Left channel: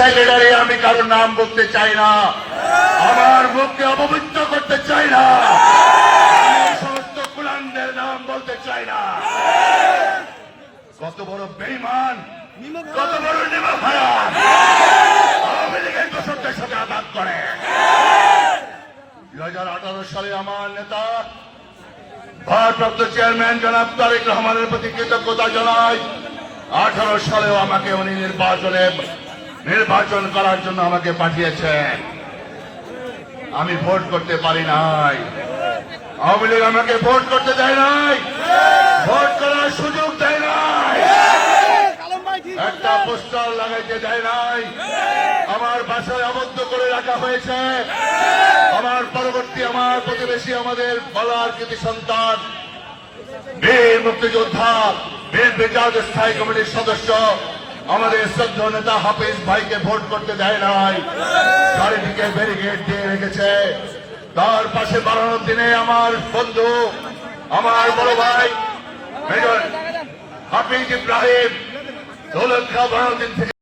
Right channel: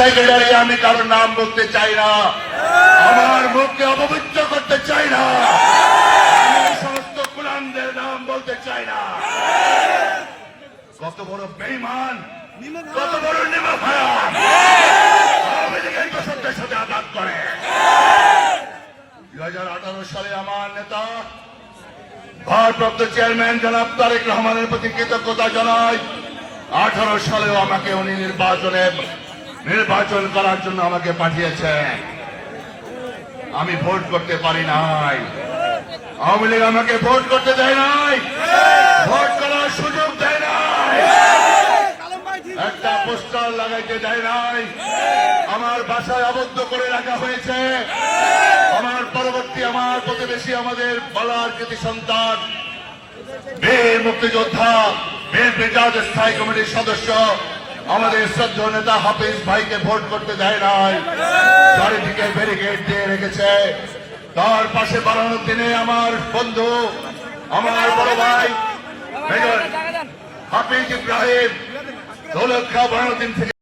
Secretary, আমি কারোর নাম বলতে চাই না, আমার মুখকে অপবিত্র করতে চাই না, আমার সমস্ত কুলানদের নাম বলতে চাই না। কত বড় বেঈমান, কত বড় নিমখারাম আওয়ামী লীগের কৃষকদের সাথে আঘাত করে। 2018 সালে আমার নেতা ভারপ্রাপ্ত চেয়ারম্যান জনাব তারেক রহমানের প্রতি কৃতজ্ঞতা জানাই। 18 সালেও আমাকে উনি নির্বাচন করার জন্য আমাকে পাঠিয়েছেন। আমি ভোট করতে পারি নাই, আওয়ামী লীগ আমাকে ভোট করতে দেয় নাই, ভোট করার সুযোগ দেয় নাই, একটা পোস্টার লাগাইতে দেয় নাই, আমার বাসায় আবদ্ধ করে রাখা হয়েছে। আমার পরবর্তী আমার প্রতিবেশী, আমাদের বলার কৃতি সন্তান, বীর মুক্তিযোদ্ধা, বিএনপি জাতীয় স্থায়ী কমিটির সদস্য, আমাদের শ্রদ্ধেয় নেতা হাফিজ ভাইকে ভোট করতে দেয় নাই, চারিদিকে ব্যারিকেড দিয়ে রেখেছে। তার পাশে বাড়ানোর দিনে আমার বন্ধু, আমার বড় ভাই মেজর হাফিজ ইব্রাহিম দৌলত খাঁ বাড়ানোর দিন থেকে